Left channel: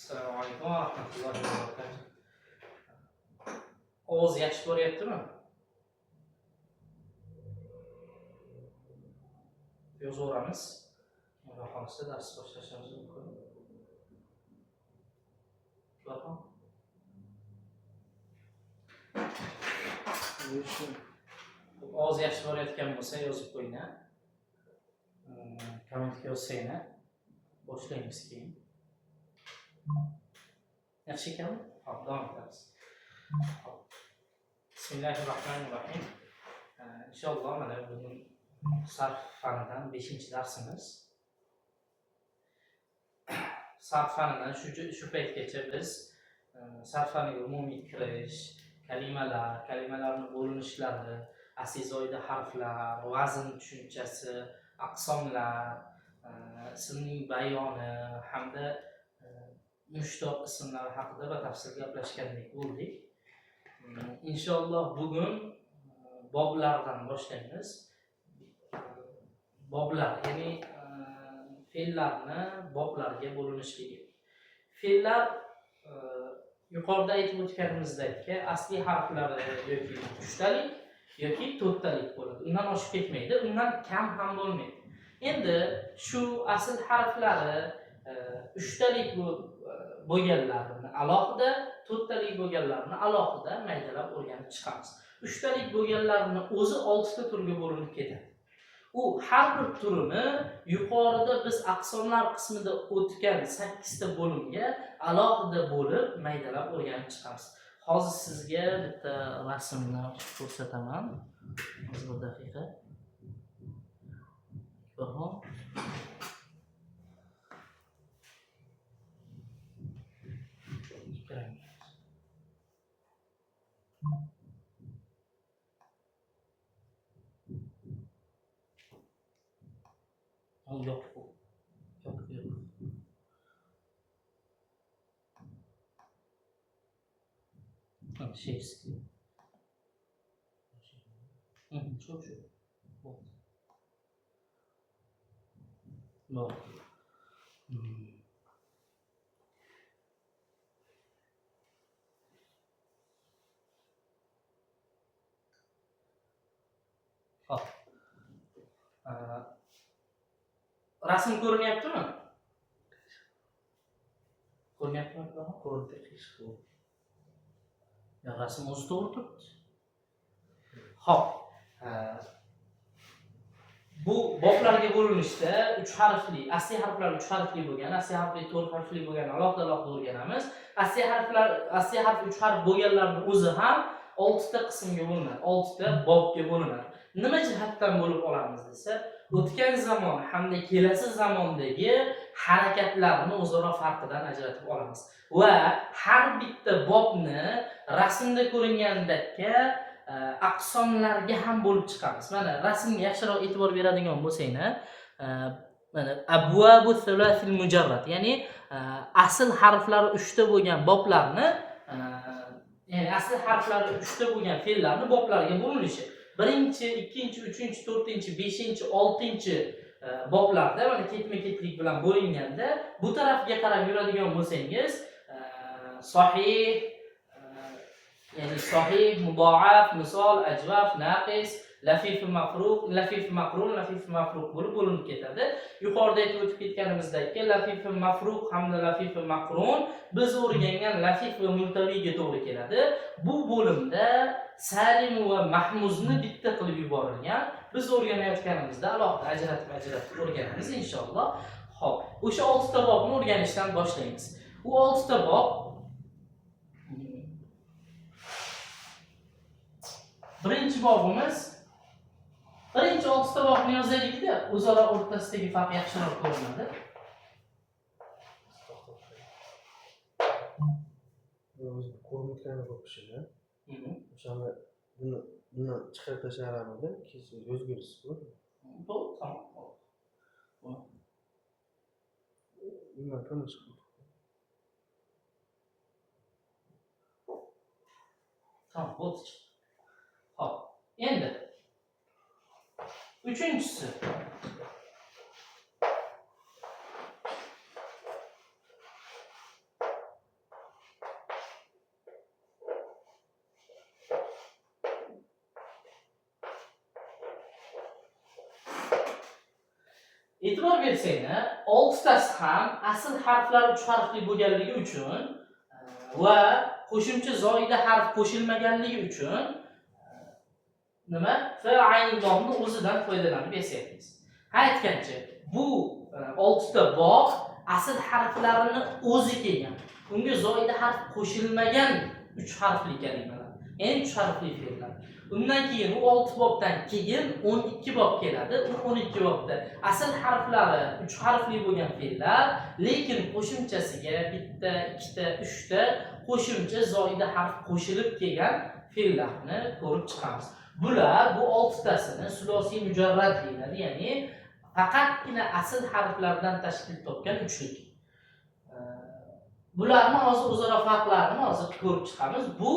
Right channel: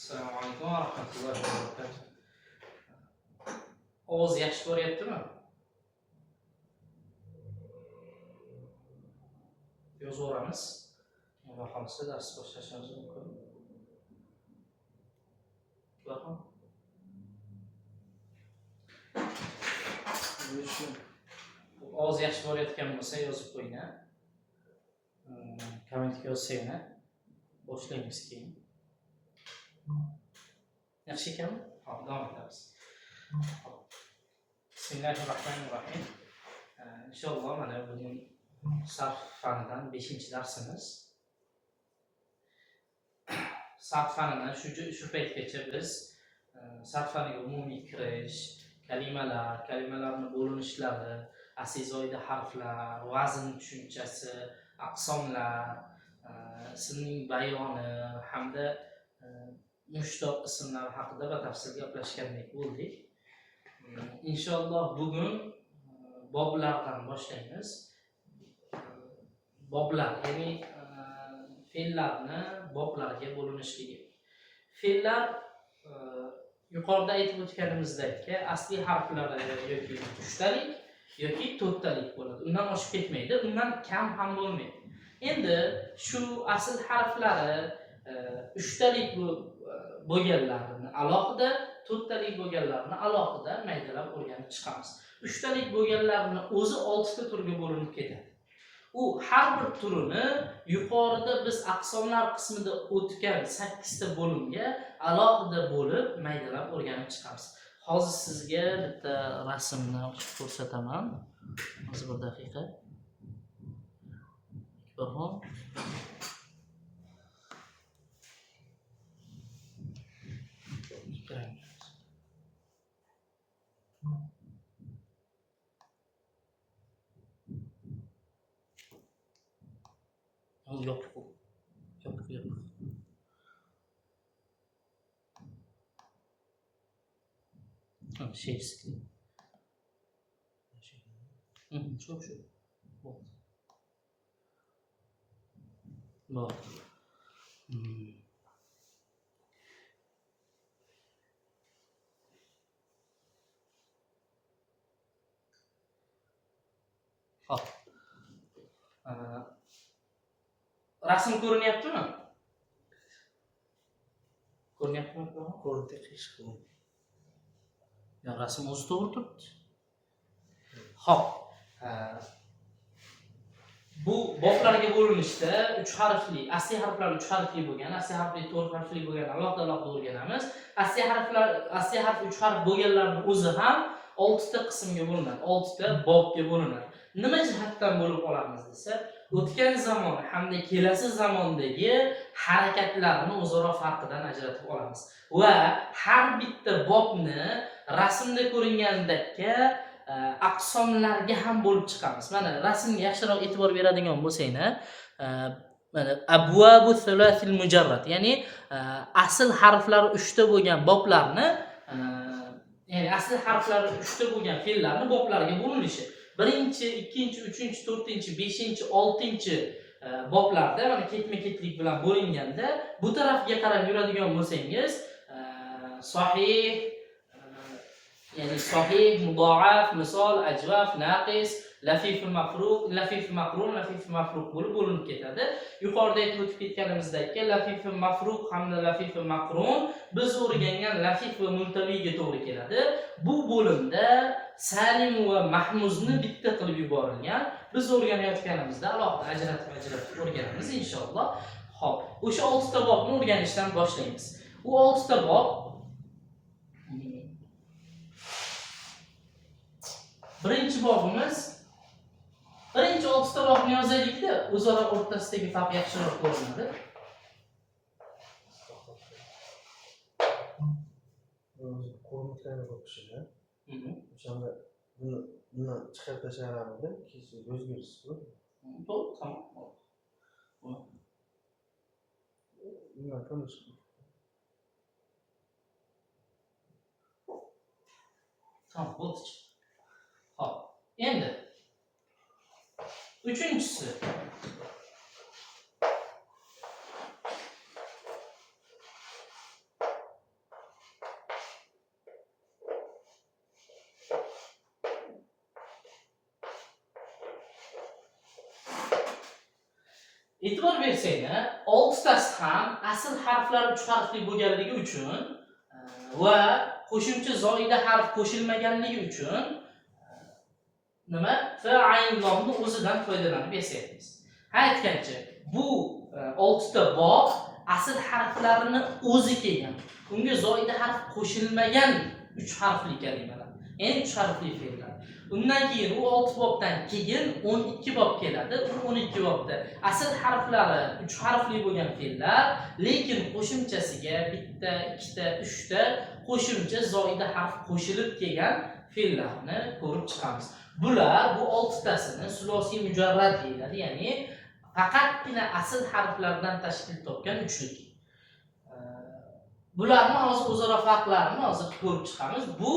Assalomu alaykum va rahmatullohi va barakatuh. Ovoz yaxshi boryaptimi? Yozaveramiz. Xudo xolisa dars boshlashimiz mumkin. Rahmat. Ovoz yaxshi borayotgan bo'lsa yozib qo'ying. Kommentga yozsanglar boshlaymiz keyin. Yaxshi ekanmi? Hop, davom etamiz. Bismillahirrohmanirrohim. Inshaalloh mana bugun sarf fanidan 5-darsimiz. Sarf fanidan shu paytgacha biz sarf faniga umumiy kirish, kalimalarni bo'linishlari, asl zoida harflar, vazn tushunchasi, aqsomlar, ismning bayoni hamda mushtoq ismlar haqida batafsil gaplashgandek bo'ldik. Inshaalloh bugun boblardan boshlaymiz. Boblar, ya'ni fe'llarni boblarga bo'linishligi. Fe'llar yuqorida aytib o'tganimizdek asli harflari yoki 3talik yoki 4talik bo'ladi. Undan oshib ketmaydi, undan kam ham bo'lmaydi. Endi shu asl harflari 3talik bo'lganlarini alohida, 4talik bo'lganlarini alohida maydalab o'rganib chiqamiz. 3talik bo'lganlarini o'zi 6ta turga bo'linib ketadi. U har bir turini yuqorida biz aqsomlar qismida o'tgan 8ta bo'limga alohida bo'lib maydalab o'rganib chiqamiz. Hozir sizga bitta rasmni ko'rsataman. Hozir bir daqiqa. Hop. Yok. Şey istiyor. Çok. Bak. Hop. Rasm ko'rinyaptimi? Ko'rinyaptimi? Ko'rdi. Ya rasm o'zi to'g'ri turibdi. Hop. Bu boblarga bo'linishda 3 harfli, asli harflar 3 harfli bo'lgan, asli harfli 4 harfli bo'lgan alohida o'rganamiz. Asli harf 3 harf bo'lganlarning o'zi ham 6 ta qismga bo'linadi, 6 ta bobga bo'linadi. Nima jihatdan bo'lib olamiz desa, o'tgan zamon hamda kelasi zamondagi harakatlarni o'zaro farqidan ajratib olamiz va har bitta bobni rasmda ko'ringandekka aqsomlarga ham bo'lib chiqamiz. Mana rasmga yaxshiroq e'tibor beradigan bo'lsanglar, mana abwabu thulathil mujarrad, ya'ni asl harflar 3 ta bo'lgan boblarni, ya'ni asl harflar 3 ta bo'lgan fe'llarni boblarga bo'linishi. 1-chi, 2-chi, 3-chi, 4-chi, 5-chi, 6-chi boblarda mana ketma-ketlik bilan bo'linganda bu tarafga qarab yuradigan bo'lsangiz, sahih, ya'ni sahih, mudoaf, misol, ajvaf, naqis, lafif mafruq, lafif maqrun, lafif mafruq bo'lib bo'linib ketadi. Yuqorida aytib o'tib ketganimizdek, lafif mafruq hamda lafif maqrun biz o'rgangan lafif va multaviyga to'g'ri keladi. Bu bo'limda salim va mahmuzni bitta qilib yuborilgan. Biz o'rganayotganimizda alohida ajratib o'rganamiz inshaalloh. Xo'p, o'sha 6 ta bobni o'rganishdan boshlaymiz. U 6 ta bob birinchi bobimiz, birinchi 6 ta bobni yozaylikda, o'zaro o'rtasidagi farq yaxshiroq ko'rinadi. Ko'rinayotgani ko'p kishilar. O'shanda buni chiqarib tashlaganimda keyin o'zgarish bo'ldi. To'g'ri, tamom. Nima qilish? Tamam, bo'ldi. Hop. Endi 3-inchisi. e'tibor bersanglar, 6 tasi ham asl harflar 3 harfli bo'lganligi uchun va qo'shimcha zoida harf qo'shilmaganligi uchun nima? Fa'il nomni o'zidan foydalanib yasaymiz. Aytgancha, bu 6 ta bob asl harflarini o'zi kelgan. Unga zoida harf qo'shilmagan 3 harfli kalimalar. Ya'ni 3 harfli fe'llar. Undan keyin u 6 bobdan keyin 12 bob keladi. U 12 bobda asl harflari 3 harfli bo'lgan fe'llar, lekin qo'shimchasiga bitta, ikkita, 3 ta qo'shimcha zoida harf qo'shilib kelgan fe'llarni ko'rib chiqamiz. Bular bu 6 tasini sulosiy mujarrad deyiladi, ya'ni faqatgina asl harflardan tashkil topgan uchlik. Bularni hozir o'zaro farqlarini hozir ko'rib chiqamiz. Bu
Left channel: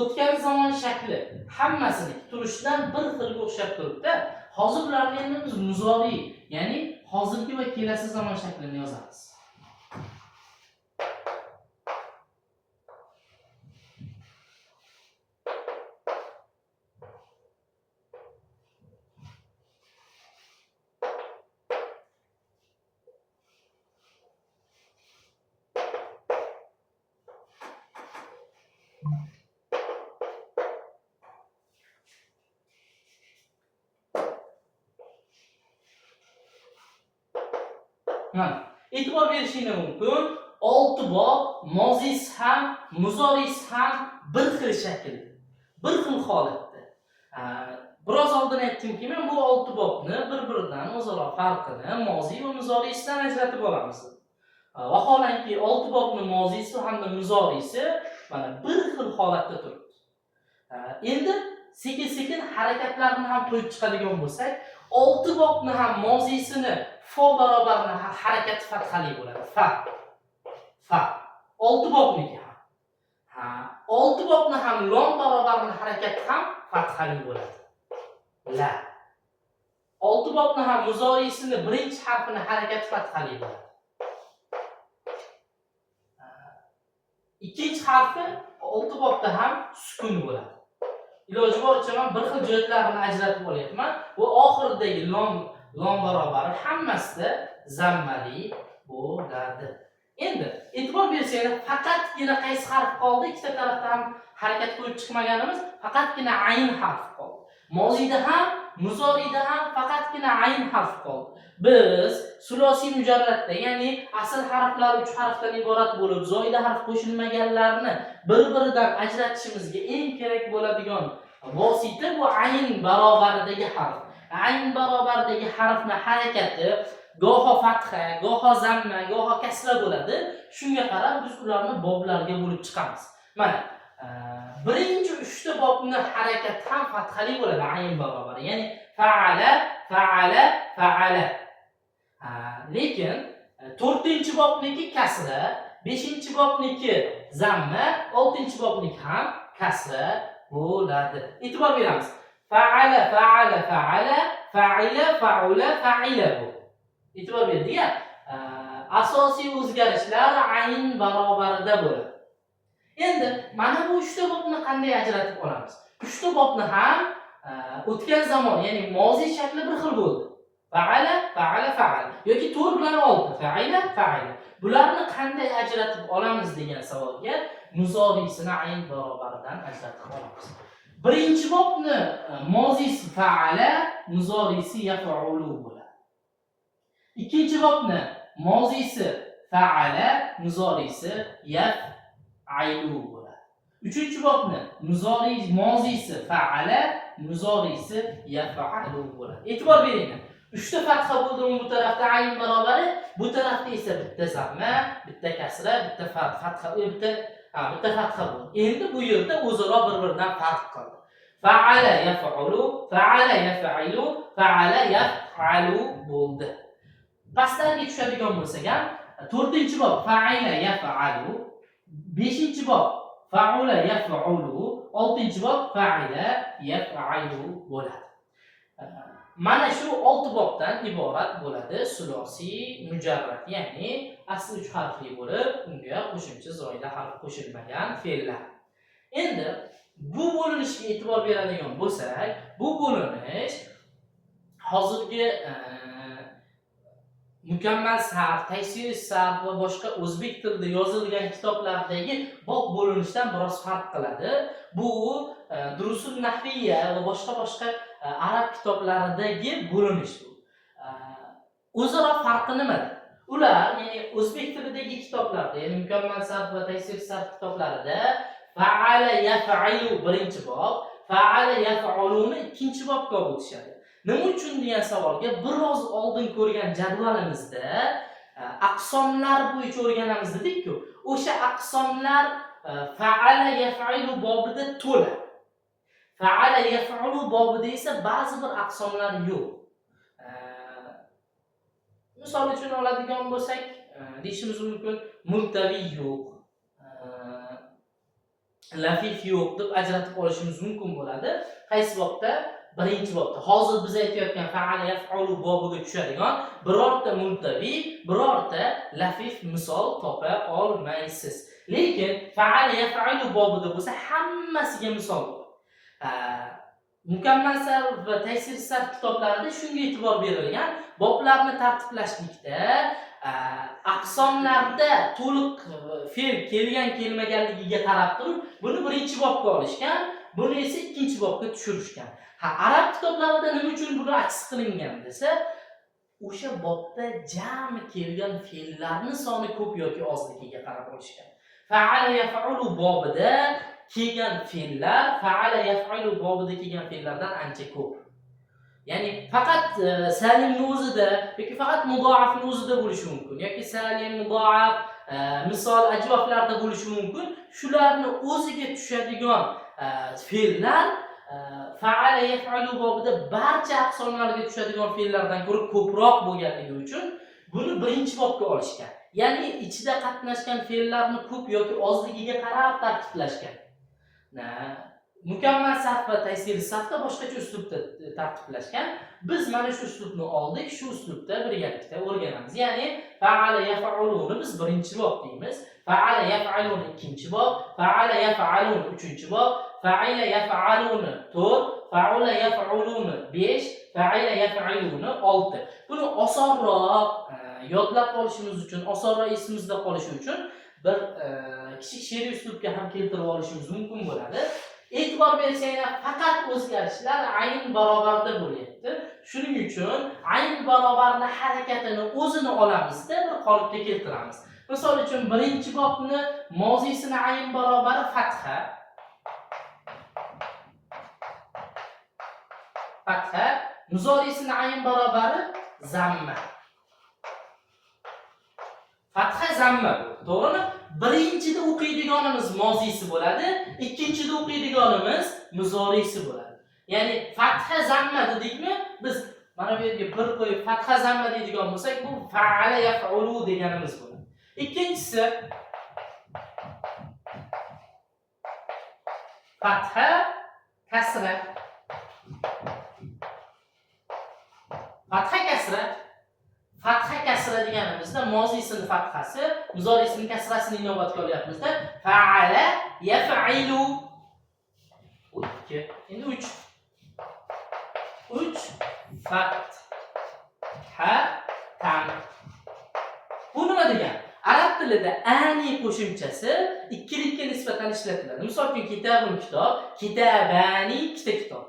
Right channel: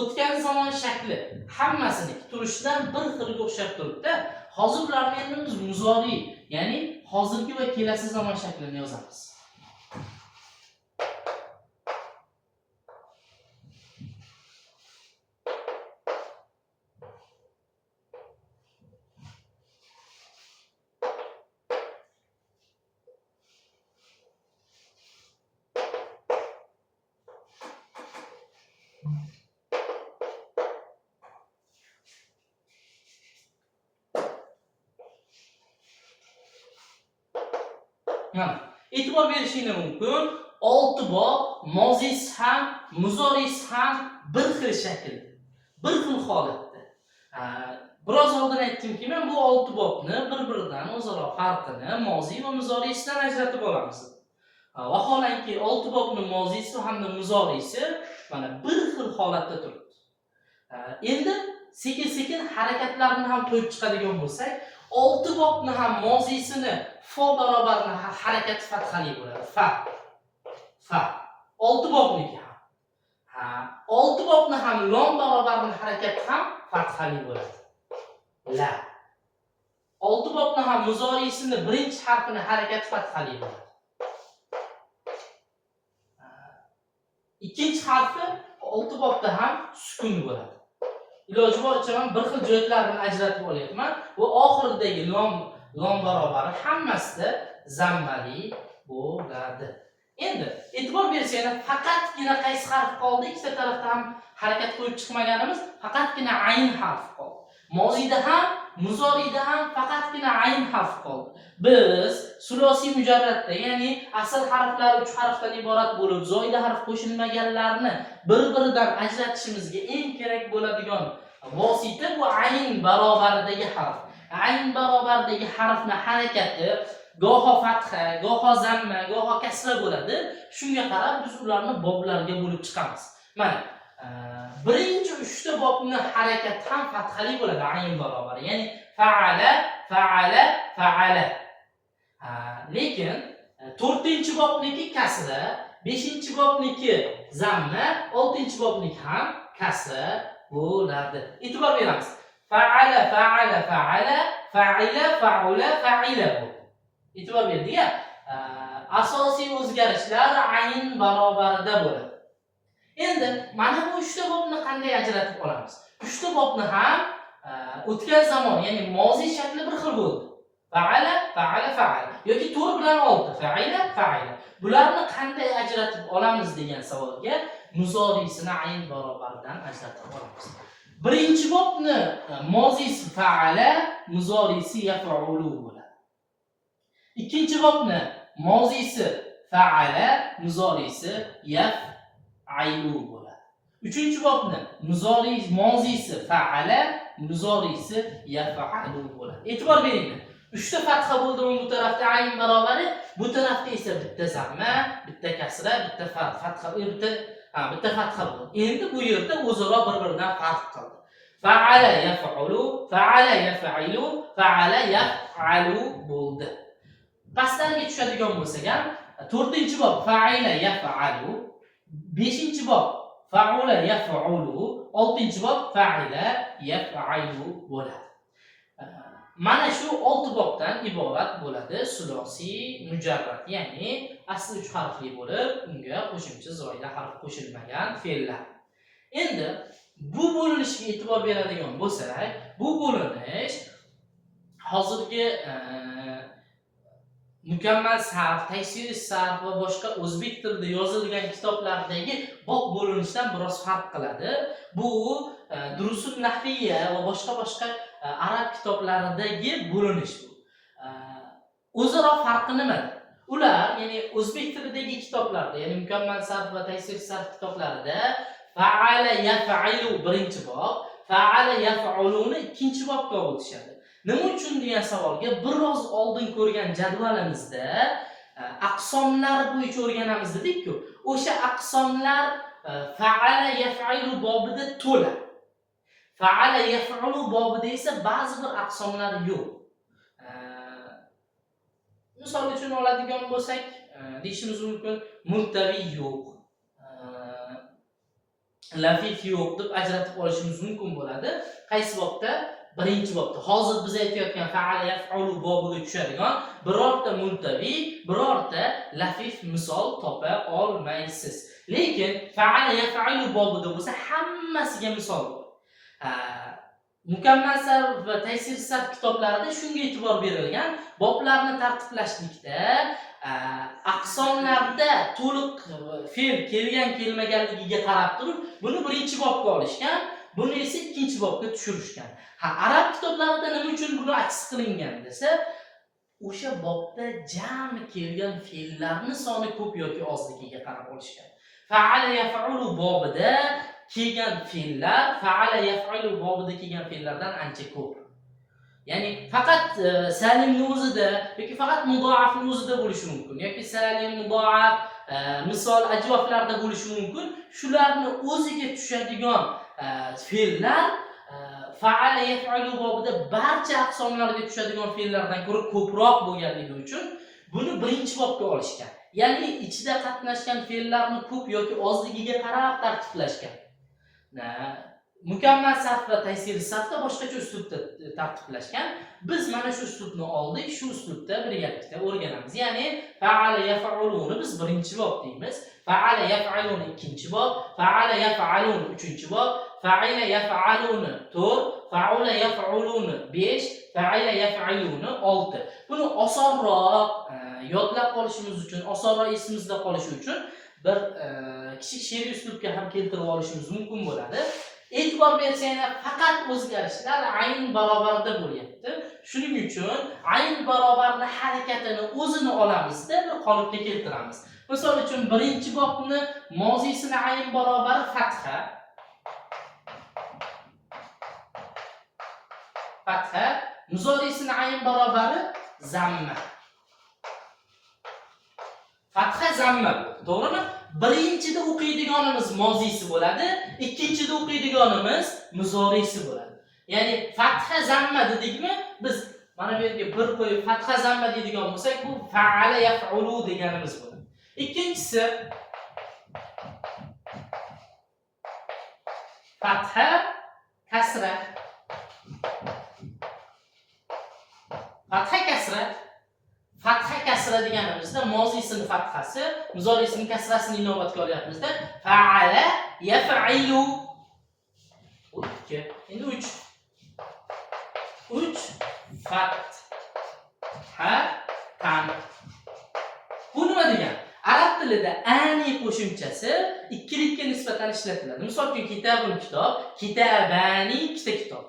o'tgan zamon shakli hammasini turishidan bir xilga o'xshab turibdi. Hozir bularni endi biz muzoriy, ya'ni hozirgi va kelasi zamon shaklini yozamiz. E'tibor berishingiz mumkin, 6 bob mozisi ham, muzorisi ham bir xil shaklda, bir xil holatda. Biroz oldin aytdimki, men bu 6 bobni bir-biridan o'zaro farqini mozi va muzorisidan ajratib olamiz. Vaholanki 6 bobni mozisi hamda muzorisi mana bir xil holatda turibdi. Endi sekin-sekin harakatlarni ham qo'yib chiqadigan bo'lsak, 6 bobni ham mozisini fa barobarini harakati fathali bo'ladi. Fa. 6 bobniki ham. 6 bobni ham lom barobarini harakati ham fathali bo'ladi. La. 6 bobni ham muzorisini birinchi harfini harakati fathali bo'ladi. Ikkinchi harfi 6 bobda ham sukun bo'ladi. Iloji boricha men bir xil joylarini ajratib olyapman. Bu oxiridagi lom barobari hammasida zammali bo'ladi. Endi e'tibor bersanglar, faqatgina qaysi harf qoldi? Ikkita tarafda ham harakat qo'yib chiqmaganimiz, faqatgina ayn harfi qoldi. Mozida ham, muzorida ham faqatgina ayn harfi qoldi. Biz sulosiy mujarradda, ya'ni asl harflar 3 harfdan iborat bo'lib, zoida harf qo'shilmaganlarni bir-biridan ajratishimizga eng kerak bo'ladigan vosita bu ayn barobaridagi harf. Ayn barobaridagi harfning harakati goho fatha, goho zamma, goho kasra bo'ladi. Shunga qarab biz ularni boblarga bo'lib chiqamiz. Mana birinchi 3 ta bobning harakati ham fathali bo'ladi, ayn barobari. Ya'ni fa'ala, fa'ala, fa'ala. Lekin 4-bobniki kasra, 5-bobniki zamma, 6-bobniki ham kasra bo'ladi. E'tibor beramiz. Fa'ala, fa'ala, fa'ala, fa'ila, fa'ula, fa'ila bu. E'tibor berdik-a? Asosiy o'zgarishlar ayn barobarida bo'ladi. Endi mana bu 3 ta bobni qanday ajratib olamiz? 3 ta bobni ham o'tgan zamon, ya'ni mozi shakli bir xil bo'ldi. Fa'ala, fa'ala, fa'ala yoki 4 bilan 6, fa'ila, fa'ila. Bularni qanday ajratib olamiz degan savolga muzorisini ayn barobaridan ajratib olamiz. Birinchi bobni mozisi fa'ala, muzorisi yaf'ulu bo'ladi. Ikkinchi bobni mozisi fa'ala, muzorisi yaf'alu bo'ladi. Uchinchi bobni mozisi fa'ala, muzorisi yaf'alu bo'ladi. E'tibor beringlar. 3 ta fatha bo'ldi, bu tarafda ayn barobari, bu tarafda esa bitta zamma, bitta kasra, bitta fatha, bitta fatha bo'ldi. Endi bu yerda o'zaro bir-biridan farq qildi. Fa'ala yaf'ulu, fa'ala yaf'ilu, fa'ala yaf'alu bo'ldi. Pastlarga tushadigan bo'lsak ham, 4-bob fa'ila yaf'alu, 5-bob fa'ula yaf'ulu, 6-bob fa'ila yaf'alu bo'ladi. Mana shu 6 bobdan iborat bo'ladi sulosiy mujarrad, ya'ni asli 3 harfli bo'lib, unga qo'shimcha zoida harf qo'shilmagan fe'llar. Endi bu bo'linishga e'tibor beradigan bo'lsak, bu bo'linish hozirgi mukammal sarf, taysir sarf va boshqa o'zbek tilida yozilgan kitoblardagi bob bo'linishdan biroz farq qiladi. Bu Durusun nahviya va boshqa arab kitoblaridagi bo'linish bu. O'zaro farqi nimada? Ular, ya'ni o'zbek tilidagi kitoblarda, ya'ni mukammal sarf va taysir sarf kitoblarida fa'ala yaf'ilu birinchi bob, fa'ala yaf'uluni ikkinchi bobga o'tishadi. Nima uchun degan savolga biroz oldin ko'rgan jadvalimizda aqsomlar bo'yicha o'rganamiz dedik-ku. O'sha aqsomlar fa'ala yaf'ilu bobida to'la. Fa'ala yaf'ulu bobida esa ba'zi bir aqsomlar yo'q. Misol uchun oladigan bo'lsak, deyishimiz mumkin, multaviy yo'q, lafif yo'q deb ajratib olishimiz mumkin bo'ladi. Qaysi bobda? Birinchi bobda. Hozir biz aytayotgan fa'ala yaf'ulu bobiga tushadigan birorta multaviy, birorta lafif misol topa olmaysiz. Lekin fa'ala yaf'ulu bobida bo'lsa hammasiga misol bor. Mukammal sarf va taysir sarf kitoblarida shunga e'tibor berilgan, boblarni tartiblashlikda aqsomlarda to'liq fe'l kelgan kelmaganligiga qarab turib, buni birinchi bobga olishgan, buni esa ikkinchi bobga tushirishgan. Arab kitoblarida nima uchun buni aks qilingan desa, o'sha bobda jami kelgan fe'llarning soni ko'p yoki ozligiga qarab olishgan. Fa'ala yaf'ulu bobida kelgan fe'llar fa'ala yaf'ulu bobida kelgan fe'llardan ancha ko'p. Ya'ni faqat salimning o'zida yoki faqat mudoafning o'zida bo'lishi mumkin yoki salim, mudoaf, misol ajvoflarda bo'lishi mumkin. Shularni o'ziga tushadigan fe'llar fa'ala yaf'ulu bobida barcha aqsomlarga tushadigan fe'llardan ko'ra ko'proq bo'lganligi uchun buni birinchi bobga olishgan. Ya'ni ichida qatnashgan fe'llarni ko'p yoki ozligiga qarab tartiblashgan. Mukammal sarf va taysir sarfda boshqacha uslubda tartiblashgan. Biz mana shu uslubni oldik, shu uslubda birgalikda o'rganamiz. Ya'ni fa'ala yaf'uluni biz birinchi bob deymiz, fa'ala yaf'aluni ikkinchi bob, fa'ala yaf'aluni uchinchi bob, fa'ila yaf'aluni 4, fa'ula yaf'uluni 5, fa'ila yaf'aluni 6. Buni osonroq yodlab olishimiz uchun, osonroq esimizda qolishi uchun bir kichik she'riy uslubga ham keltirib olishimiz mumkin bo'ladi. E'tibor bersanglar, faqat o'zgarishlar ayn barobarda bo'lyapti. Shuning uchun ayn barobarning harakatini o'zini olamizda bir qolipga keltiramiz. Misol uchun birinchi bobni mozisini ayn barobari fatha. Fatha, muzorisini ayn barobari zamma. Fatha zamma, to'g'rimi? Birinchida o'qiydiganimiz mozisi bo'ladi, ikkinchida o'qiydiganimiz muzorisi bo'ladi. Ya'ni fatha zamma dedikmi, biz mana bu yerga bir qo'yib fatha zamma deydigan bo'lsak, bu fa'ala yaf'ulu deganimiz bo'ladi. Ikkinchisi fatha kasra. Fatha kasra. Fatha kasra deganimizda mozisining fathasi, muzorisining kasrasini inobatga olyapmizda. Fa'ala yaf'ilu. 2. Endi 3. 3 fatha tam. Bu nima degani? Arab tilida ani qo'shimchasi ikkilikka nisbatan ishlatiladi. Misol uchun kitabun kitob, kitabani ikkita kitob.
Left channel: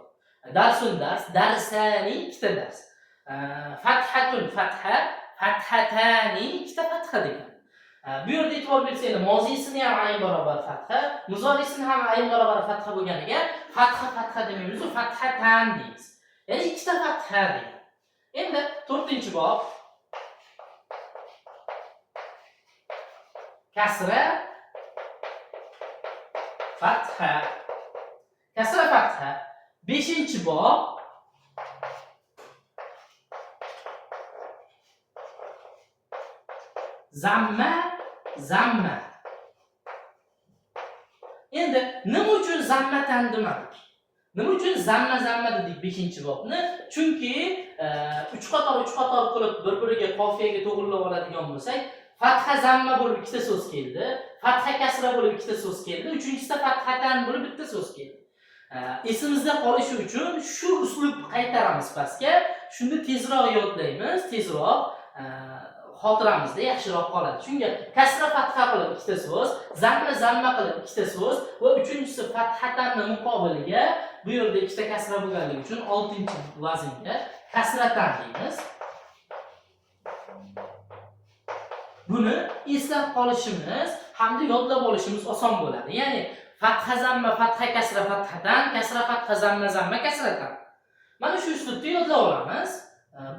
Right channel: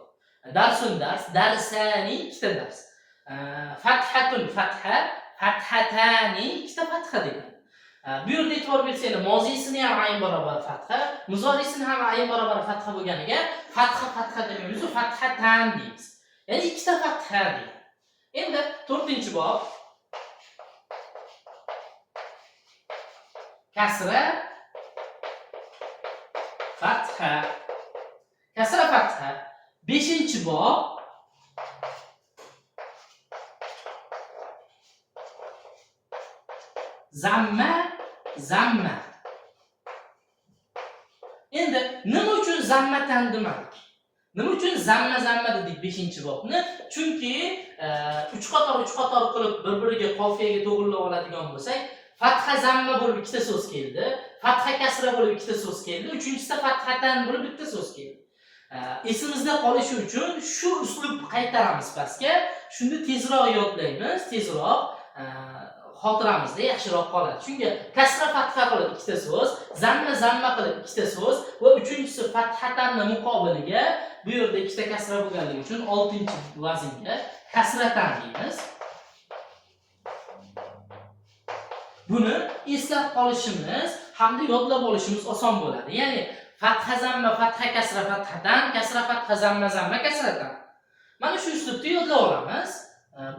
Darsun dars, darsani ikkita dars. Fathatun fatha, fathatani ikkita fatha degan. Bu yerda e'tibor bersanglar, mozisini ham ayn barobar fatha, muzorisini ham ayn barobar fatha bo'lganiga fatha demaymiz, fathatan deymiz. Ya'ni ikkita fatha degan. Endi 4-bob kasra fatha. Kasra fatha. 5-bob zamma. Endi nima uchun zammatan demadik? Nima uchun zamma dedik 5-bobni? Chunki 3 qator qilib bir-biriga qofiyaga to'g'rilab oladigan bo'lsak, fatha zamma bo'lib ikkita so'z keldi, fatha kasra bo'lib ikkita so'z keldi, uchinchisida fathatan bo'lib bitta so'z keldi. Esimizda qolishi uchun shu uslubni qaytaramiz pastga. Shunda tezroq yodlaymiz, tezroq xotiramizda yaxshiroq qoladi. Shunga kasra fatha qilib ikkita so'z, zamma qilib ikkita so'z va uchinchisi fathatanni muqobiliga bu yerda ikkita kasra bo'lganligi uchun 6-vaznga kasratan deymiz. Buni eslab qolishimiz hamda yodlab olishimiz oson bo'ladi. Ya'ni fatha zamma fatha kasra fathatan, kasra fatha zamma kasratan. Mana shu uslubda yodlab olamiz.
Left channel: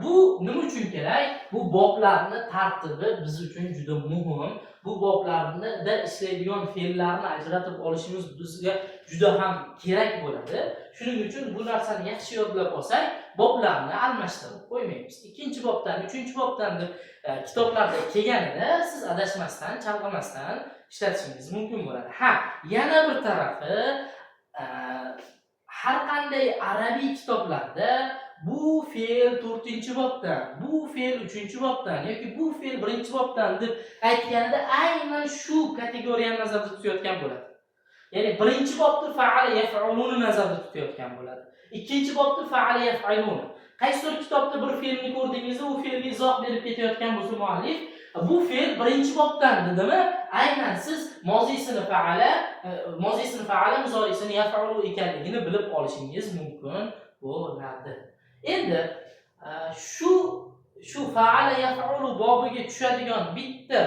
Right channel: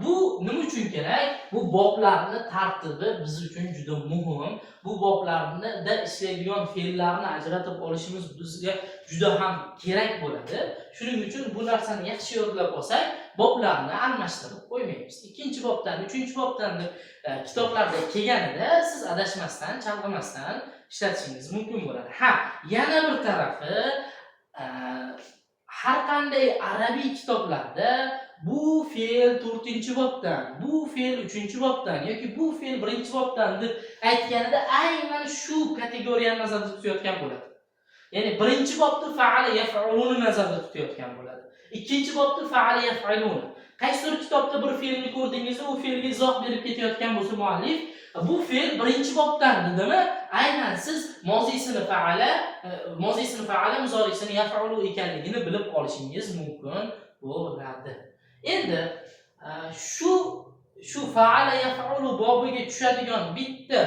Bu nima uchun kerak? Bu boblarning tartibi biz uchun juda muhim. Bu boblarda ishlaydigan fe'llarni ajratib olishimiz bizga juda ham kerak bo'ladi. Shuning uchun bu narsani yaxshi yodlab olsak, boblarni almashtirib qo'ymaymiz. Ikkinchi bobdan, uchinchi bobdan kitoblarda kelganida siz adashmasdan, chalg'imasdan ishlatishingiz mumkin bo'ladi. Ha, yana bir tarafi har qanday arabiy kitoblarda bu fe'l 4-bobdan, bu fe'l 3-bobdan yoki bu fe'l 1-bobdan deb aytganida aynan shu kategoriyani nazarda tutayotgan bo'ladi. Ya'ni 1-bobda fa'ala yaf'uluni nazarda tutayotgan bo'ladi. 2-bobda fa'ala yaf'uluni. Qaysidir kitobda bir fe'lni ko'rdingizda, u fe'lga izoh berib ketayotgan bo'lsa muallif, bu fe'l 1-bobdan dedimi? Aynan siz mozisini fa'ala, muzorisini yaf'ulu ekanligini bilib olishingiz mumkin bo'ladi. Endi shu fa'ala yaf'ulu bobiga tushadigan bitta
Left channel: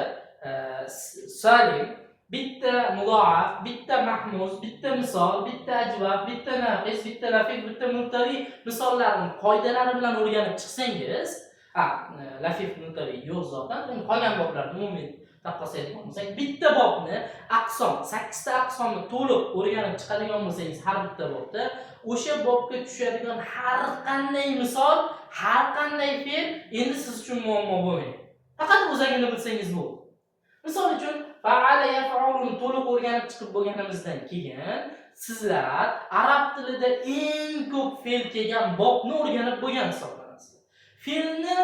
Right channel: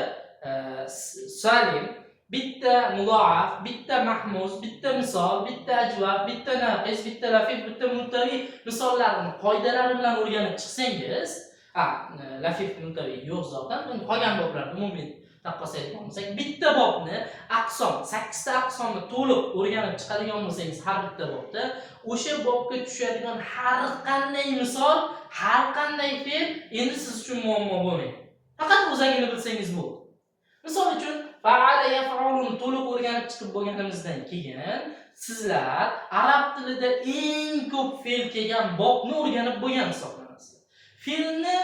salim, bitta mudoaf, bitta mahmuz, bitta misol, bitta ajvab, bitta naqis, bitta lafif, bitta muntari misollarning qoidalari bilan o'rganib chiqsangiz, lafif muntari yo'q zotan, qolgan boblarni umumiy taqqoslaydigan bo'lsak, bitta bobni aqsom, 8 ta aqsomni to'liq o'rganib chiqadigan bo'lsangiz har bitta bobda, o'sha bobga tushadigan har qanday misol, har qanday fe'l endi siz uchun muammo bo'lmaydi. Faqat o'zagini bilsangiz bo'ldi. Misol uchun fa'ala yaf'uluni to'liq o'rganib chiqib bo'lganimizdan keyin sizlar arab tilida eng ko'p fe'l kelgan bobni o'rganib bo'lgan hisoblanasizlar. Fe'lni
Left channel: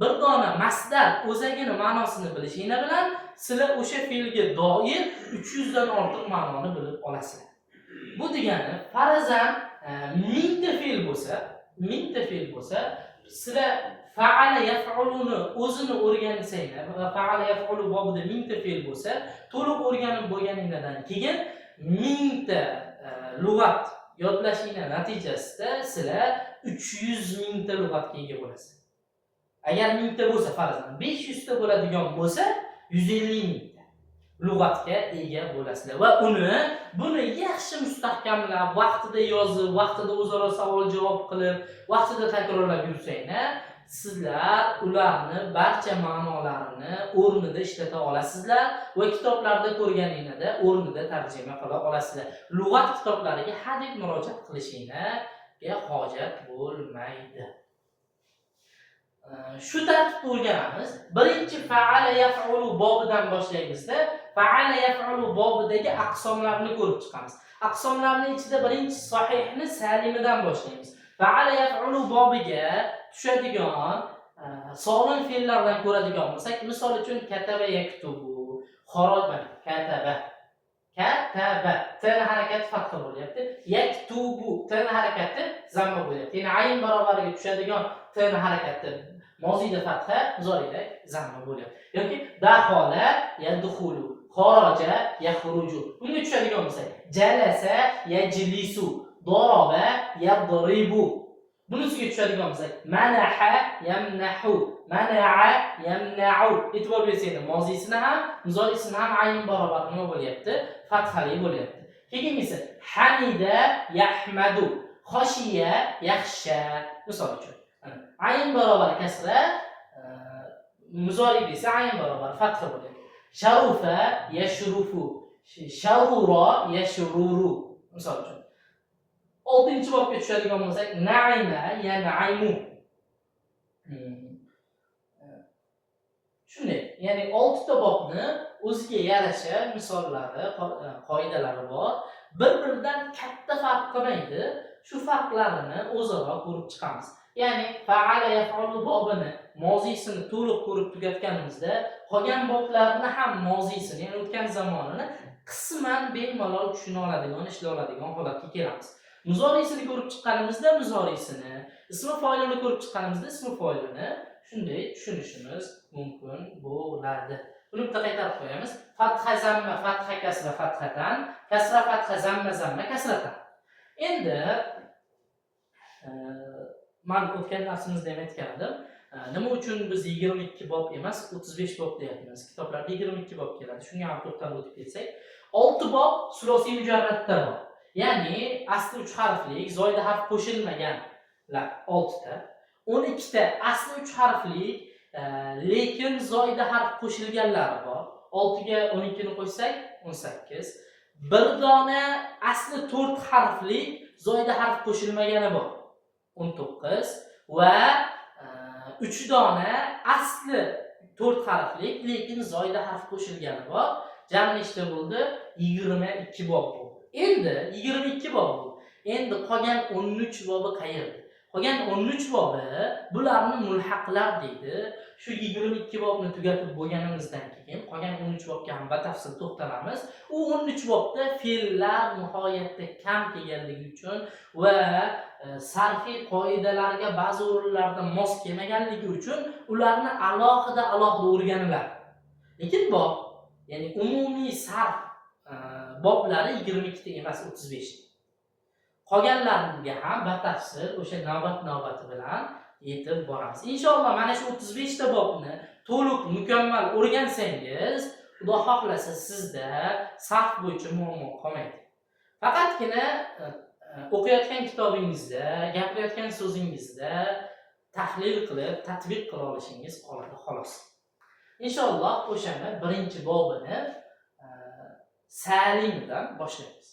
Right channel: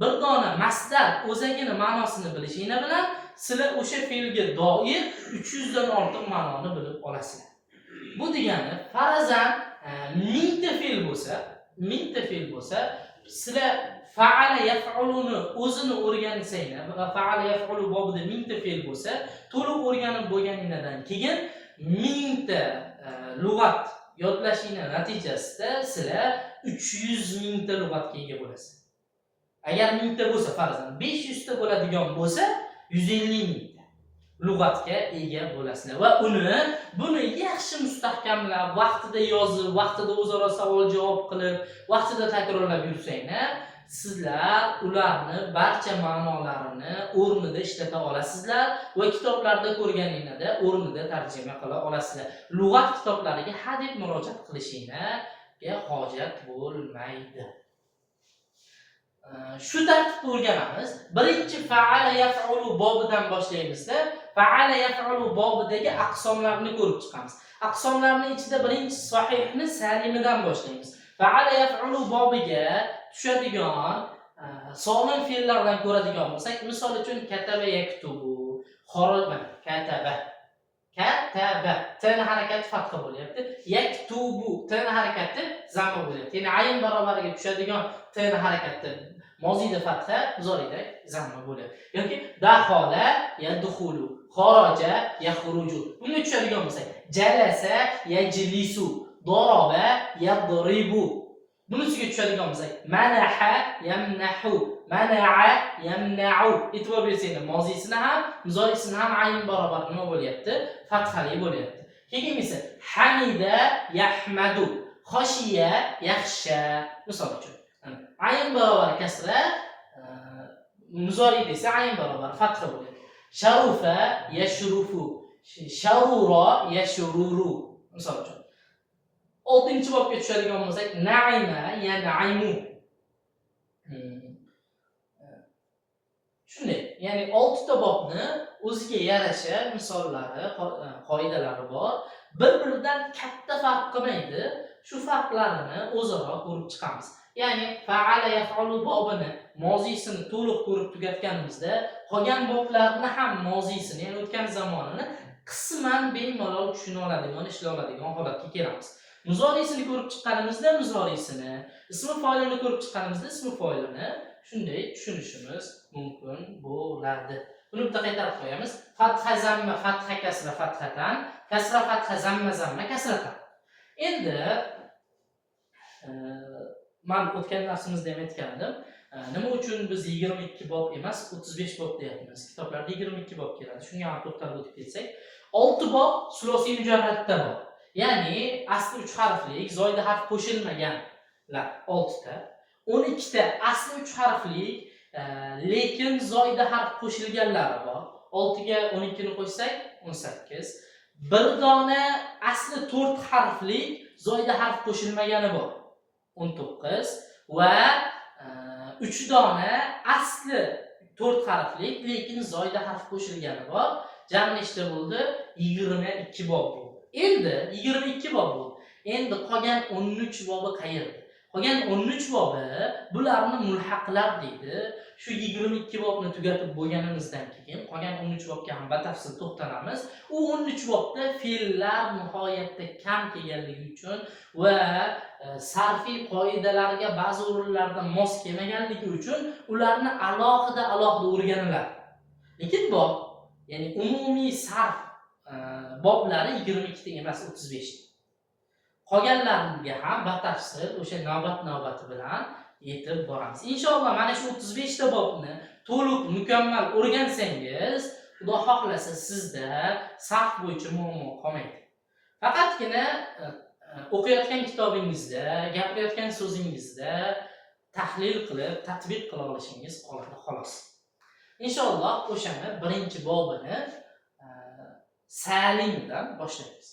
bir dona masdar o'zagini ma'nosini bilishinglar bilan sizlar o'sha fe'lga doir 300 dan ortiq ma'noni bilib olasizlar. Bu degani farazan 1000 ta fe'l bo'lsa, sizlar fa'ala yaf'uluni o'zini o'rgansanglar va fa'ala yaf'ulu bobida 1000 ta fe'l bo'lsa, to'liq o'rganib bo'lganingizdan keyin 1000 ta lug'at yodlashinglar natijasida sizlar 300 mingta lug'atga ega bo'lasiz. Agar 1000 ta bo'lsa, farazan 500 ta bo'ladigan bo'lsa, 150 mingta lug'atga ega bo'lasizlar va buni yaxshi mustahkamlab, vaqtida yozib, vaqtida o'zaro savol-javob qilib, vaqtida takrorlab yursanglar, sizlar ularni barcha ma'nolarini o'rnida ishlata olasizlar va kitoblarda ko'rganingizda o'rnida tarjima qila olasizlar. Lug'at kitoblariga hadeb murojaat qilishingizga hojat bo'lmaydi. Shu tartibda o'rganamiz. Birinchi fa'ala yaf'ulu bobidan boshlaymizda, fa'ala yaf'ulu bobidagi aqsomlarni ko'rib chiqamiz. Aqsomlarning ichida birinchi sahihni salimidan boshlaymiz. Fa'ala yaf'ulu bobiga tushadigan solim fe'llardan ko'radigan bo'lsak, misol uchun kataba yaktubu, kataba tin harakati fatha bo'lyapti. Yaktubu tin harakati zamma bo'lyapti. Ya'ni ayn barobariga tushadigan tin harakati mozida fatha, muzorida zamma bo'lyapti. Yoki dakhala yadkhulu, kharaja yakhruju. Bunga tushadigan bo'lsak, jalasa yajlisu, daraba yadribu. Bunisiga tushadigan bo'lsak, manaha yamnahu, mana'a yamna'u. E'tibor bersanglar, mozisini ham, muzorisini ham ayn barobar nima bo'lyapti? Fathali bo'lyapti. Keyin esa hamida yahmadu, khoshiya yaxsha. Misol uchun, ayn barobar kasra, muzori desa ayn barobar fatha bo'lyapti. Sharufa yashrufu, sharura yashruru. Misol uchun 6-bobga tushadigan bo'lsak, na'ima yan'imu. Shunday, ya'ni 6 ta bobni o'ziga yarasha misollari, qoidalari bor. Bir-biridan katta farq qilmaydi. Shu farqlarini o'zaro ko'rib chiqamiz. Ya'ni fa'ala yaf'ulu bobini mozisini to'liq ko'rib tugatganimizda, qolgan boblarni ham mozisini, ya'ni o'tgan zamonini qisman bemalol tushuna oladigan, ishlay oladigan holatga kelamiz. Muzorisini ko'rib chiqqanimizda muzorisini, ismi foilini ko'rib chiqqanimizda ismi foilini, shunday tushunishimiz mumkin bo'ladi. Buni bitta qaytarib qo'yamiz. Fatha zamma, fatha kasra, fathatan, kasra fatha, zamma zamma, kasratan. Endi men o'tgan darsimizda ham aytgan edim. Nima uchun biz 22 bob emas, 35 bob deyapmiz? Kitoblarda 22 bob keladi. Shunga ham to'xtalib o'tib ketsak, 6 bob sulosiy mujarradda bor. Ya'ni asli 3 harflik, zoida harf qo'shilmaganlar 6 ta. 12 ta asli 3 harflik, lekin zoida harf qo'shilganlari bor. 6 ga 12 ni qo'ysak 18. Bir dona asli 4 harflik, zoida harf qo'shilmagani bor. 19 va 3 dona asli 4 harflik, lekin zoida harf qo'shilgani bor. Jami nechta bo'ldi? 22 bob bo'ldi. Endi 22 bob bo'ldi. Endi qolgan 13 bobi qayerda? Qolgan 13 bobi bularni mulhaqlar deydi. Shu 22 bobni tugatib bo'lganimizdan keyin qolgan 13 bobga ham batafsil to'xtalamiz. U 13 bobda fe'llar nihoyatda kam kelganligi uchun va sarfiy qoidalarga ba'zi o'rinlarda mos kelmaganligi uchun ularni alohida o'rganiladi. Lekin bob, ya'ni umumiy sarf boblari 22 ta emas, 35. Qolganlariga ham batafsil o'sha navbat-navbati bilan yetib boramiz. Inshaalloh mana shu 35 ta bobni to'liq mukammal o'rgansangiz, Xudo xohlasa sizda sarf bo'yicha muammo qolmaydi. Faqatgina o'qiyotgan kitobingizda, gapirayotgan so'zingizda tahlil qilib, tatbiq qila olishingiz qoladi xolos. Inshaalloh o'shani birinchi bobini salimidan boshlaymiz.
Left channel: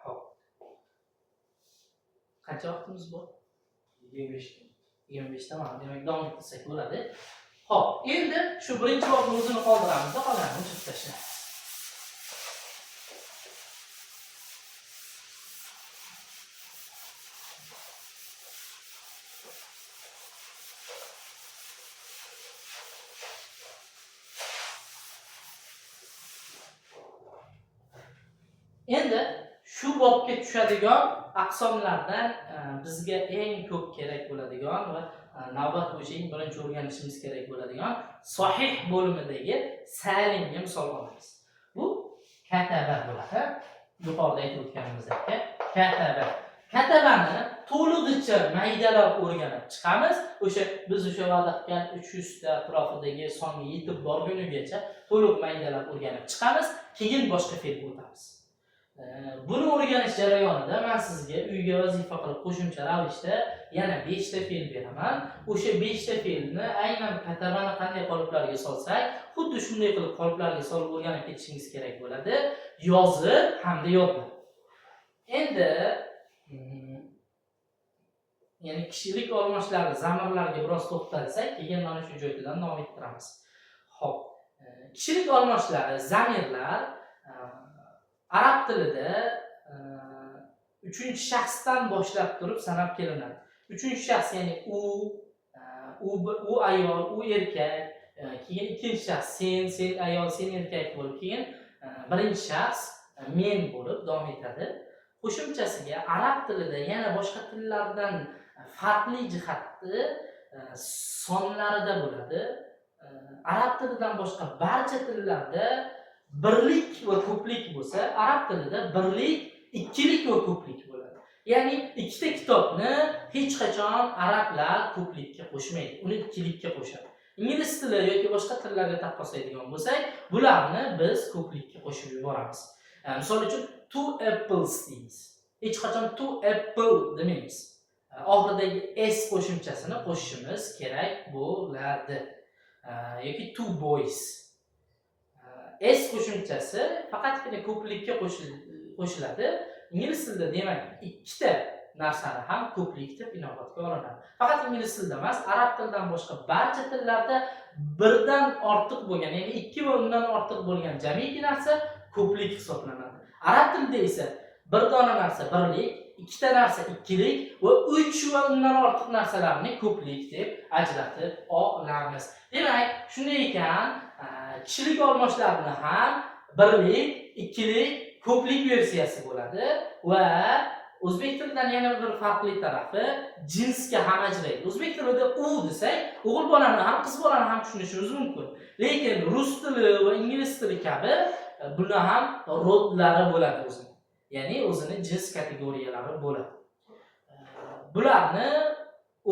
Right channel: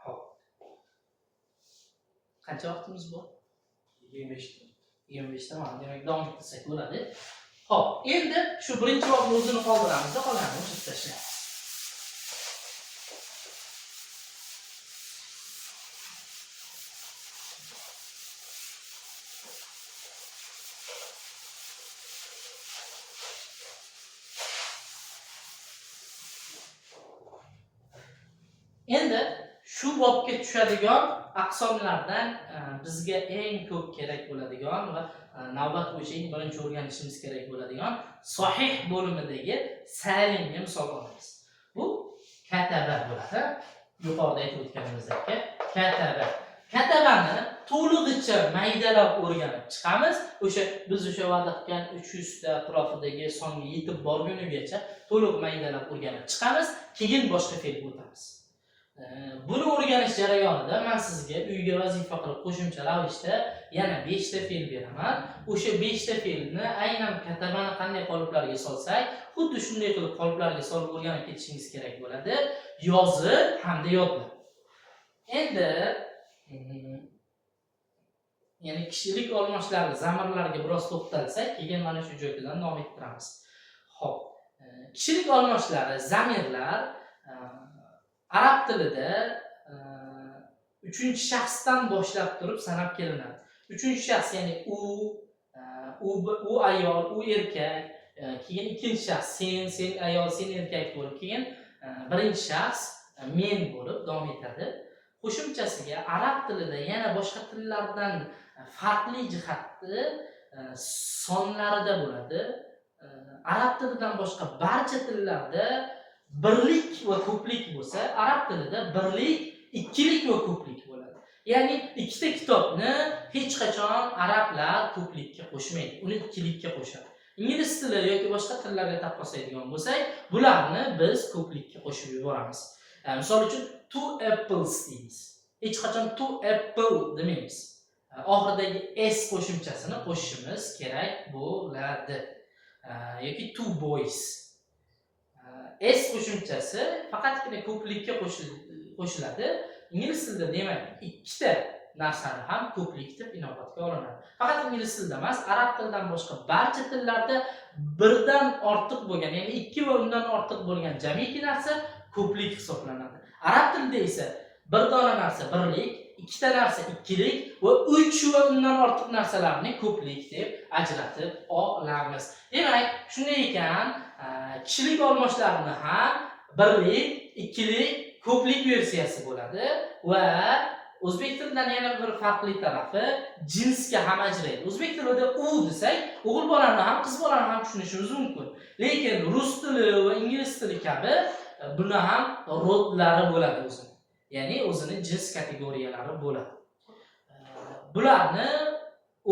Xo'p. Qancha vaqtimiz bor? 25 ta. 25 ta mana demak davom ettirsak bo'ladi. Xo'p, endi shu birinchi bobni o'zini qoldiramiz, qolganini o'chirib tashlaymiz. Endi shu bobga tushadigan aqsomlardan bizga eng ko'p kerak bo'ladigan va navbat bo'yicha eng birinchi o'rganishimiz kerak bo'ladigan sahih bo'limidagi salimga misol olamiz. Bu kataba bo'ladi. Yuqorida aytib o'tganimizdek, kataba. Katabani to'lig'icha maydalab o'rganib chiqamiz. Biz va'da qilgan 300 ta atrofidagi songa yetib borgunigacha to'liq maydalab o'rganib chiqamiz, keyin boshqa fe'lga o'tamiz. Buni o'rganish jarayonida men sizga uyga vazifa qilib qo'shimcha ravishda yana 5 ta fe'l beraman. O'sha 5 ta fe'lni aynan katabani qanday qoliplarga solsak, xuddi shunday qilib qoliplarga solib o'rganib ketishingiz kerak bo'ladi. Yozib hamda yodlab. Endi ya'ni kishilik olmoshlari, zamirlarga biroz to'xtalsak, keyin mana shu joydan davom ettiramiz. Xo'p, kishilik olmoshlari, zamirlar arab tilida 3-shaxsdan boshlab turib sanab kelinadi. 3-shaxs ya'ni u ayol, u erkak, keyin ikkinchi shaxs sen ayol, sen erkak bo'lib, keyin birinchi shaxs men bo'lib davom etadi. Qo'shimchasiga arab tilida yana boshqa tillardan farqli jihati sonlarida bo'ladi. Arab tilidan boshqa barcha tillarda birlik va ko'plik bo'lsa, arab tilida birlik, ikkilik va ko'plik bo'ladi. Ya'ni ikkita kitobni hech qachon arablar ko'plikka qo'shmaydi, uni ikkilikka qo'shadi. Ingliz tili yoki boshqa tillarga taqqoslaydigan bo'lsak, bularni biz ko'plikka qo'shib yuboramiz. Misol uchun two apples deymiz. Hech qachon two apple demaymiz. Oxiridagi s qo'shimchasini qo'shishimiz kerak bo'ladi. Yoki two boys. S qo'shimchasi faqatgina ko'plikka qo'shiladi. Ingliz tilida demak ikkita narsani ham ko'plik deb inobatga olinadi. Faqat ingliz tilida emas, arab tilidan boshqa barcha tillarda birdan ortiq bo'lgan, ya'ni 2 va undan ortiq bo'lgan jamiki narsa ko'plik hisoblanadi. Arab tilida esa bir dona narsa birlik, ikkita narsa ikkilik va 3 va undan ortiq narsalarni ko'plik deb ajratib olamiz. Demak, shunday ekan, kishilik olmoshlarini ham birlik, ikkilik, ko'plik versiyasi bo'ladi va o'zbek tilidan yana bir farqli tarafi jinsga ham ajraydi. O'zbek tilida u desak, o'g'il bolani ham, qiz bolani ham tushunishimiz mumkin. Lekin rus tili va ingliz tili kabi buni ham rodlari bo'ladi o'zini. Ya'ni o'zini jins kategoriyalari bo'ladi. Bularni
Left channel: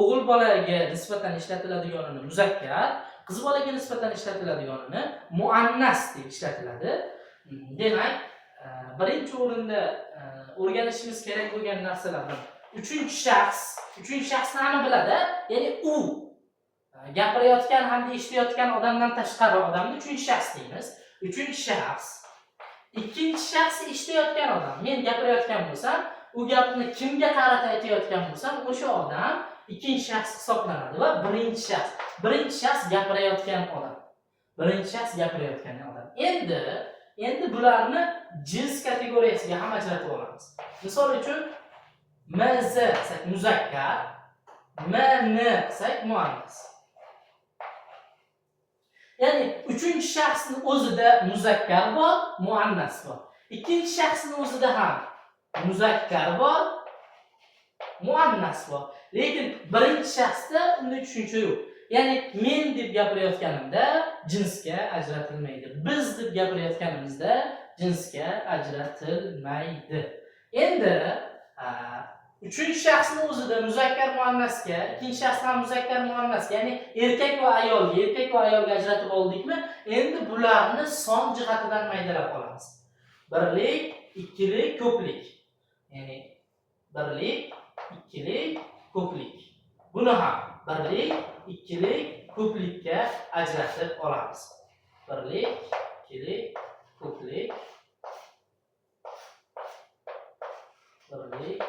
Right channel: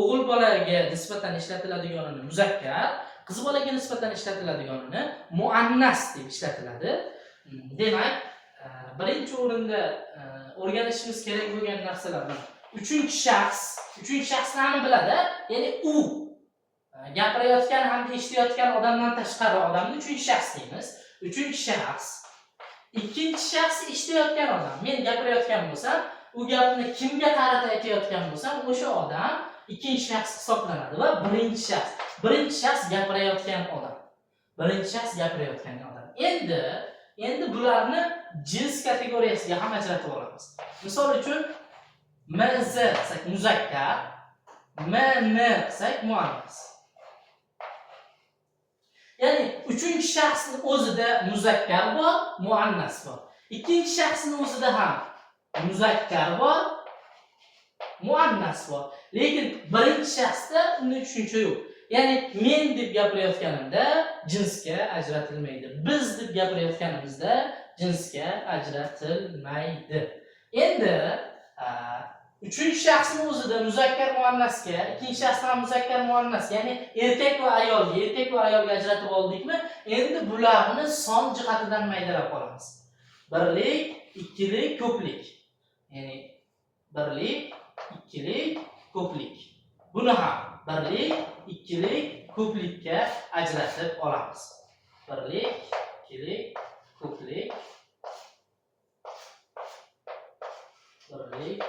o'g'il bolaga nisbatan ishlatiladiganini muzakkar, qiz bolaga nisbatan ishlatiladiganini muannas deb ishlatiladi. Demak, birinchi o'rinda o'rganishimiz kerak bo'lgan narsalardan uchinchi shaxsni hamma biladi, ya'ni u gapirayotgan hamda eshitayotgan odamdan tashqari odamni uchinchi shaxs deymiz. Uchinchi shaxs. Ikkinchi shaxs eshitayotgan odam. Men gapirayotgan bo'lsam, u gapni kimga qarata aytayotgan bo'lsam, o'sha odam ikkinchi shaxs hisoblanadi va birinchi shaxs gapirayotgan odam. Birinchi shaxs gapirayotgan odam. Endi bularni jins kategoriyasiga ham ajratib olamiz. Misol uchun mz desak muzakkar, mn desak muannas. Ya'ni uchinchi shaxsning o'zida muzakkar bor, muannas bor. Ikkinchi shaxsning o'zida ham muzakkar bor, muannas bor. Lekin birinchi shaxsda unday tushuncha yo'q. Ya'ni men deb gapirayotganimda jinsga ajratilmaydi. Biz deb gapirayotganimizda jinsga ajratilmaydi. Endi uchinchi shaxsning o'zida muzakkar muannasga, ikkinchi shaxsda ham muzakkar muannas, ya'ni erkak va ayolga ajratib oldikmi? Endi bularni son jihatidan maydalab olamiz. Birlik, ikkilik, ko'plik. Ya'ni birlik, ikkilik, ko'plik. Buni ham birlik, ikkilik, ko'plikka ajratib olamiz. Birlik, ikkilik, ko'plik. Birlik,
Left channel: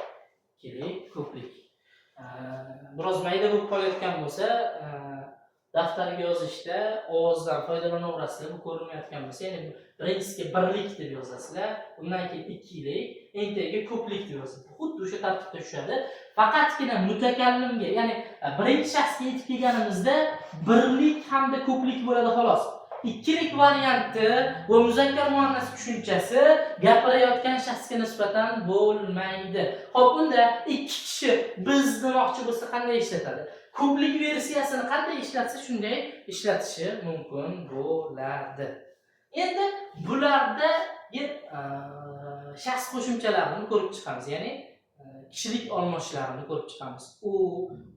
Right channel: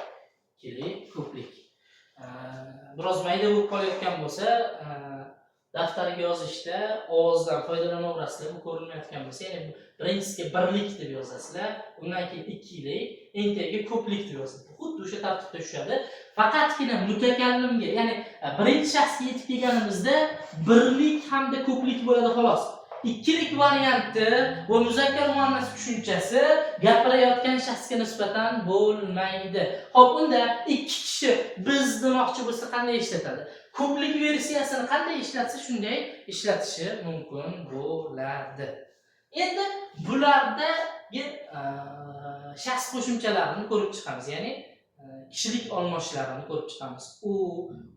ikkilik, ko'plik. Biroz mayda bo'lib qolayotgan bo'lsa, daftarga yozishda ovozdan foydalanaverasizlar. Bu ko'rinmayotgan bo'lsa, ya'ni birinchisiga birlik deb yozasizlar, undan keyin ikkilik, eng tagiga ko'plik deb yozasiz. Xuddi o'sha tartibda tushadi. Faqatgina mutakallimga, ya'ni birinchi shaxsga yetib kelganimizda birlik hamda ko'plik bo'ladi xolos. Ikkilik varianti va muzakkar muannas tushunchasi gapirayotgan shaxsga nisbatan bo'lmaydi. Xo'p, unda ikki kishi biz demoqchi bo'lsa qanday ishlatadi? Ko'plik versiyasini qanday ishlatsa shunday ishlatishi mumkin bo'ladi. Endi bularda shaxs qo'shimchalarini ko'rib chiqamiz, ya'ni kishilik olmoshlarini ko'rib chiqamiz.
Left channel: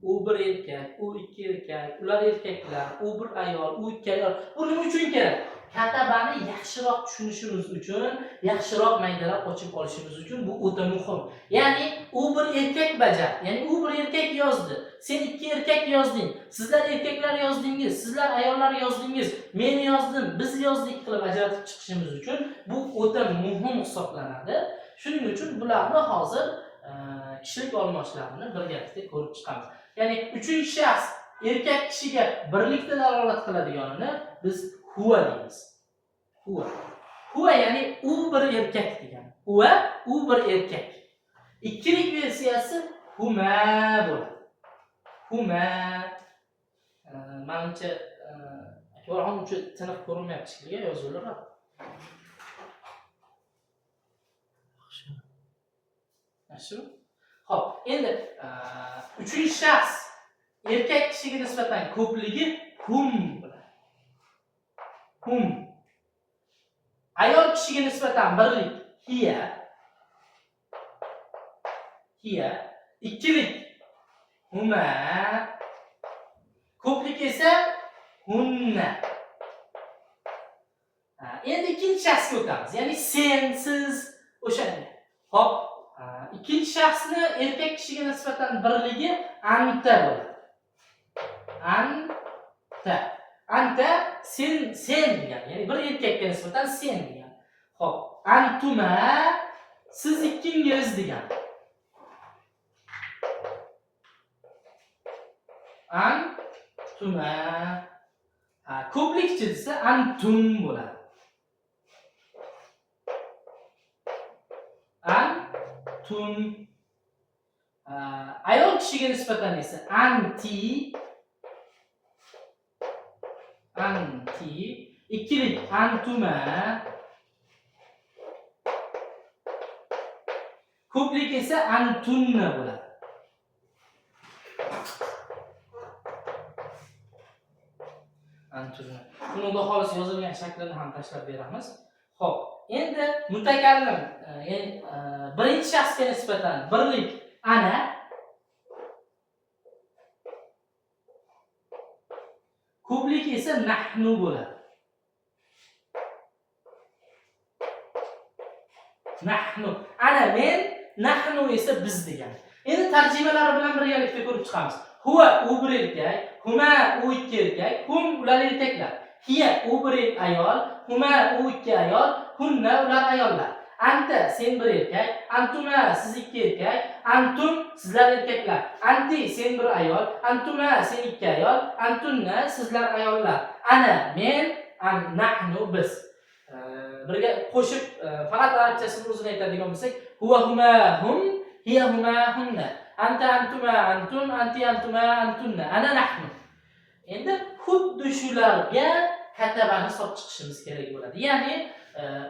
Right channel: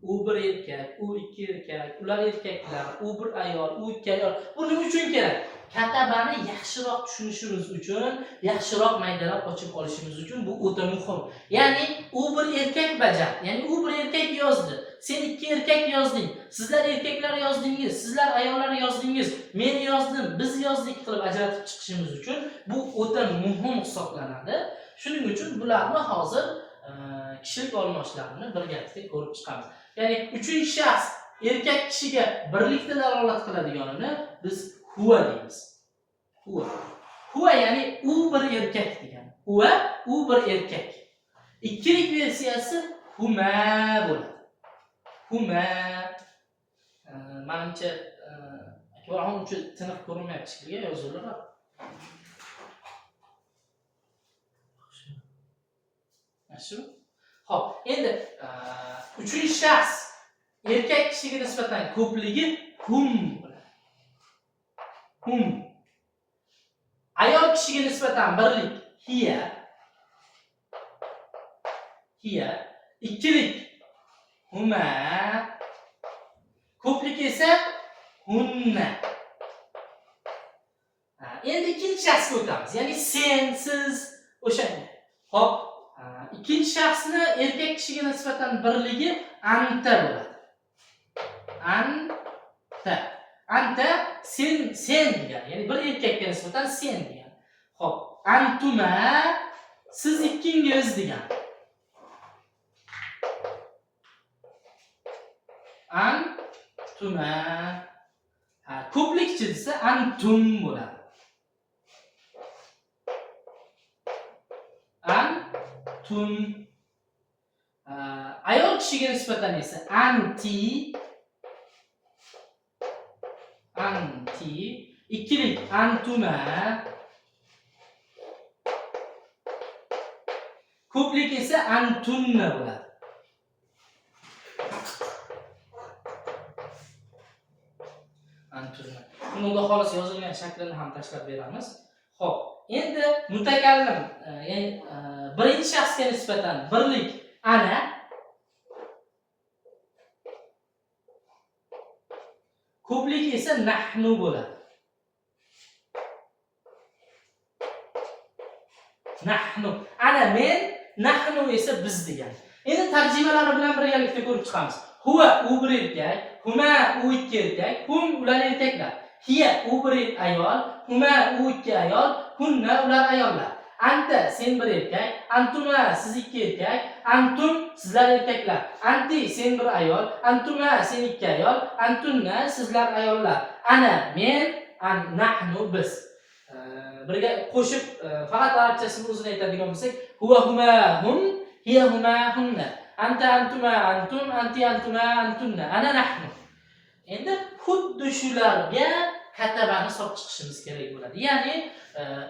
U bir erkak, u ikki erkak, ular erkaklar, u bir ayol, u ikki ayol. Bu nima uchun kerak? Katabani yaxshiroq tushunishimiz uchun, yaxshiroq maydalab ochib olishimiz uchun bu o'ta muhim. Ya'ni u bir erkak bajar, ya'ni u bir erkak yozdi. Sen ikki erkak yozding. Sizlar erkaklar yozdingiz, sizlar ayollar yozdingiz. Men yozdim, biz yozdik qilib ajratib chiqishimiz uchun bu o'ta muhim hisoblanadi. Shuning uchun bularni hozir kishilik olmoshlarini birgalikda ko'rib chiqamiz. Ya'ni uchinchi shaxs erkak kishiga birlikda dalolat qiladiganini biz huwa deymiz. Huwa ya'ni u bir erkak degani. U bir erkak. Ikkilik versiyasi huma bo'ladi. Huma. Menimcha akbarxon uncha tiniq ko'rinmayapti shekilli yozuvlar. Yaxshimi? Xo'p, endi uchinchi shaxs erkak kishiga nisbatan ko'pligi hum bo'ladi. Hum. Ayol kishiga nisbatan birlik hiya. Ikkilik huma. Ko'plik esa hunna. Endi ikkinchi shaxsga o'tamiz. Ya'ni sen, siz, o'shanga. Xo'p, ikkinchi shaxsni erkak kishiga nisbatan birligi anta bo'ladi. Anta sen degan, ya'ni bir erkakka nisbatan sen degan. Xo'p, antuma siz ikkingiz degan. Antuma. Ko'plikchi desa antum bo'ladi. Antum. Ayol kishiga nisbatan esa anti. Ikkilik antuma. Ko'plik esa antunna bo'ladi. Antunna. Buni xudo xohlasa yozilgan shaklini ham tashlab beramiz. Xo'p, endi mutakallim, ya'ni birinchi shaxsga nisbatan birlik ana, ko'plik esa nahnu bo'ladi. Nahnu. Ana men, nahnu esa biz degan. Endi tarjimalari bilan birgalikda ko'rib chiqamiz. Huwa u bir erkak, huma u ikki erkak, hum ular erkaklar. Hiya u bir ayol, huma u ikki ayol, hunna ular ayollar. Anta sen bir erkak, antuma siz ikki erkak, antum sizlar erkaklar. Anti sen bir ayol, antuma sen ikki ayol, antunna sizlar ayollar. Ana men, nahnu biz. Birga qo'shib faqat arabchasini o'zini aytadigan bo'lsak, huwa huma hum, hiya huma hunna, anta antuma antum, anti antuma antunna, ana nahnu. Endi xuddi shularga katabani solib chiqishimiz kerak bo'ladi. Ya'ni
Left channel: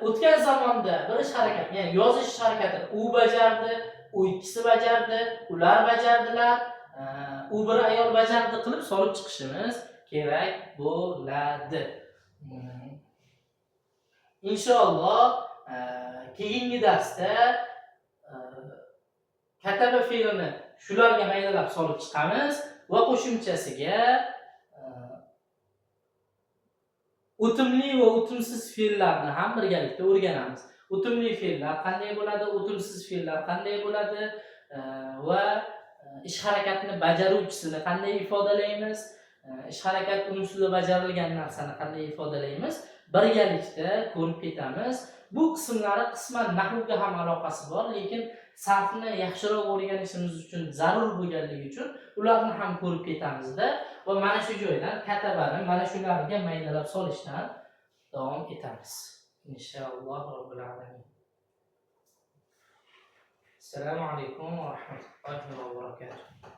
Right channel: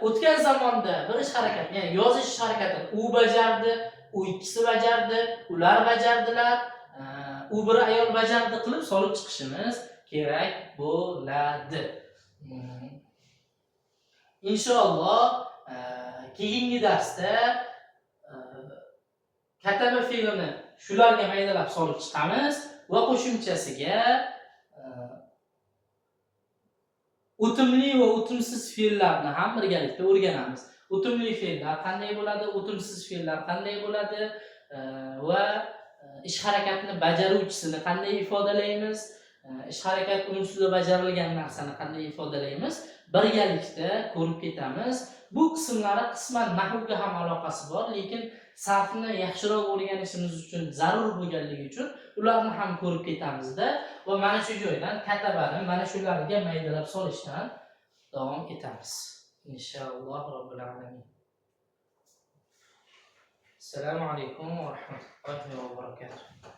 o'tgan zamonda bir ish harakati, ya'ni yozish harakatini u bajardi, u ikkisi bajardi, ular bajardilar, u bir ayol bajardi qilib solib chiqishimiz kerak bo'ladi. Inshaalloh keyingi darsda kataba fe'lini shularga maydalab solib chiqamiz va qo'shimchasiga o'timli va o'timsiz fe'llarni ham birgalikda o'rganamiz. O'timli fe'llar qanday bo'ladi, o'timsiz fe'llar qanday bo'ladi va ish harakatini bajaruvchisini qanday ifodalaymiz, ish harakat ustida bajarilgan narsani qanday ifodalaymiz, birgalikda ko'rib ketamiz. Bu qismlari qisman nahvga ham aloqasi bor, lekin sarfni yaxshiroq o'rganishimiz uchun zarur bo'lganligi uchun ularni ham ko'rib ketamizda va mana shu joydan katabani mana shularga maydalab solishdan davom etamiz. Inshaalloh robbil alamin. Assalomu alaykum va rahmatullohi va barakatuh.